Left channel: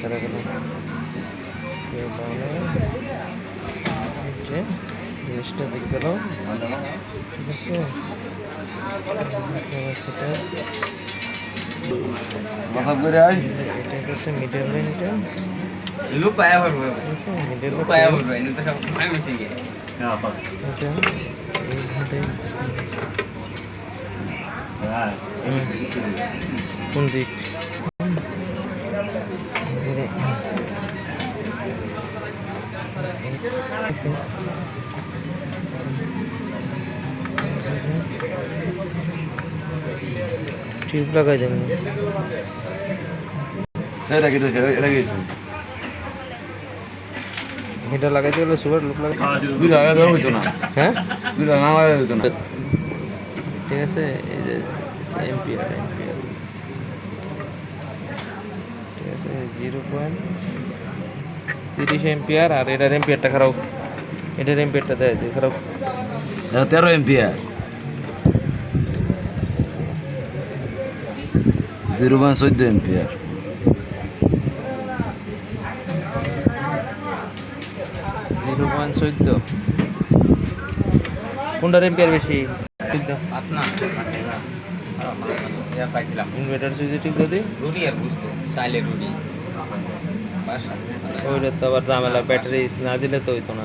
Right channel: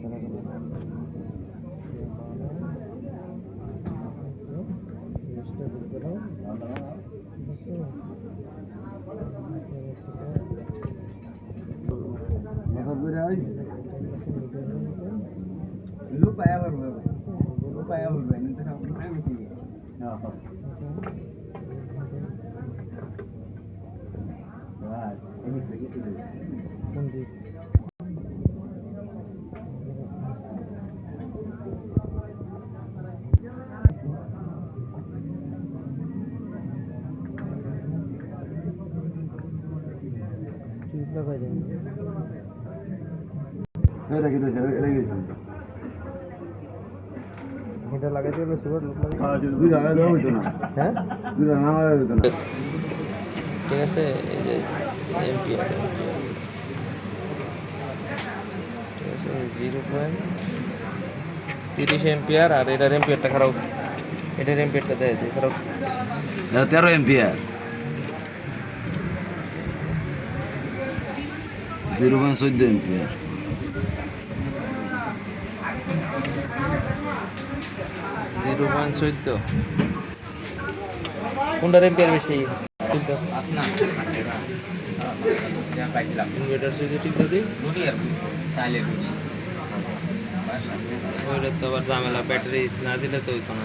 ছাড়া গেল জিনিসটা দিক গেল ঠিক আছে এটা হচ্ছে মিডল লাইনটা কোন দিক টিউব লাগাই দেবেন এটা লাগাইতে হলে সুপার লুক লাগাই হ্যাঁ ঠিক আছে এই যে এম্পিয়ার ঠিক আছে 0.30 এম্পিয়ার আর এটার এম্পিয়ারটা খারাপ এটার এম্পিয়ারটা দেয় যে খারাপ 13 এম্পিয়ার 0.14 এম্পিয়ার কোনটার এম্পিয়ার বেশি ইনভার্টার সুইচে ঠিক যদি ওইটা তো আবার ঝামেলা ব্যাটারি না দিলে তো হইতো না